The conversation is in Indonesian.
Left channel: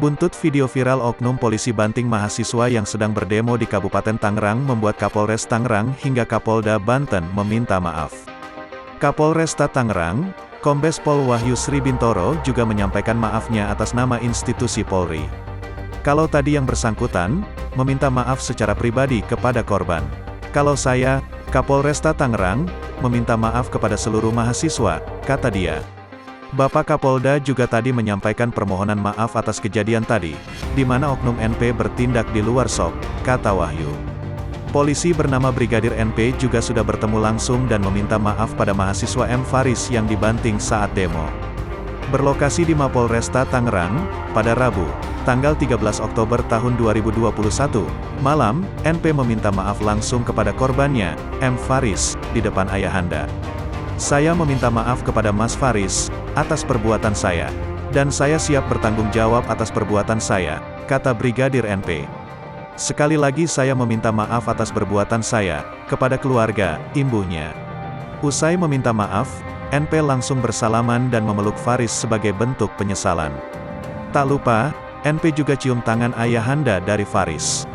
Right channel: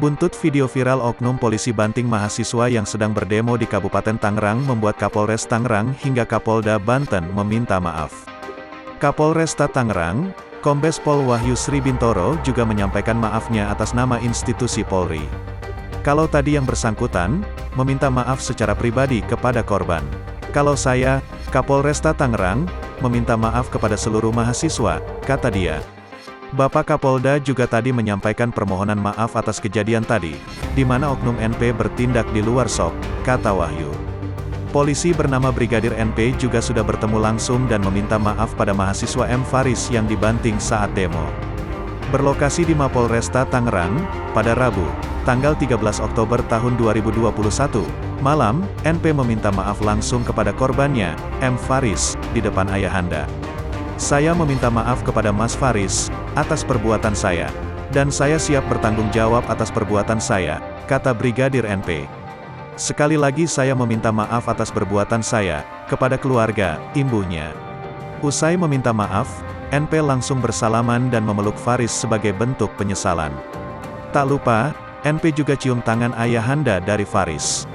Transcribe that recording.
Buntut video viral oknum polisi banting mahasiswa yang sedang berdemo di Kabupaten Tangerang membuat Kapolres Tangerang hingga Kapolda Banten meminta maaf. Kapolresta Tangerang, Kombes Pol Wahyu Sri Bintoro juga menyampaikan maafnya atas nama institusi Polri. Kalau tadi yang bersangkutan, meminta maaf secara pribadi kepada korban. Kalau saya, Kapolresta Tangerang, meminta maaf kepada seluruh mahasiswa, kata dia. Bapak Kapolda juga tadi menyampaikan permohonan maaf atas kejadian tadi, di mana oknum NP bertindak di luar SOP, kata Wahyu. Polisi bernama Brigadir NP juga sudah bertemu langsung dan meminta maaf pada mahasiswa M. Faris yang dibanting saat demo. Berlokasi di Mapolresta Tangerang, pada Rabu, tanggal 13 Oktober tahun 2021, malam, NP meminta maaf langsung kepada korbannya, M. Faris, di depan ayahanda. Saya meminta maaf kepada Mas Faris, atas perbuatan saya. Dan saya siap bertanggung jawab atas perbuatan saya, kata Brigadir NP. Sekali lagi saya meminta maaf atas perbuatan saya, kepada keluarga, imbuhnya. Usai meminta maaf, NP langsung bersalaman dan memeluk Faris sebagai bentuk penyesalan. Tak lupa, NP juga cium tangan ayahanda dari Faris.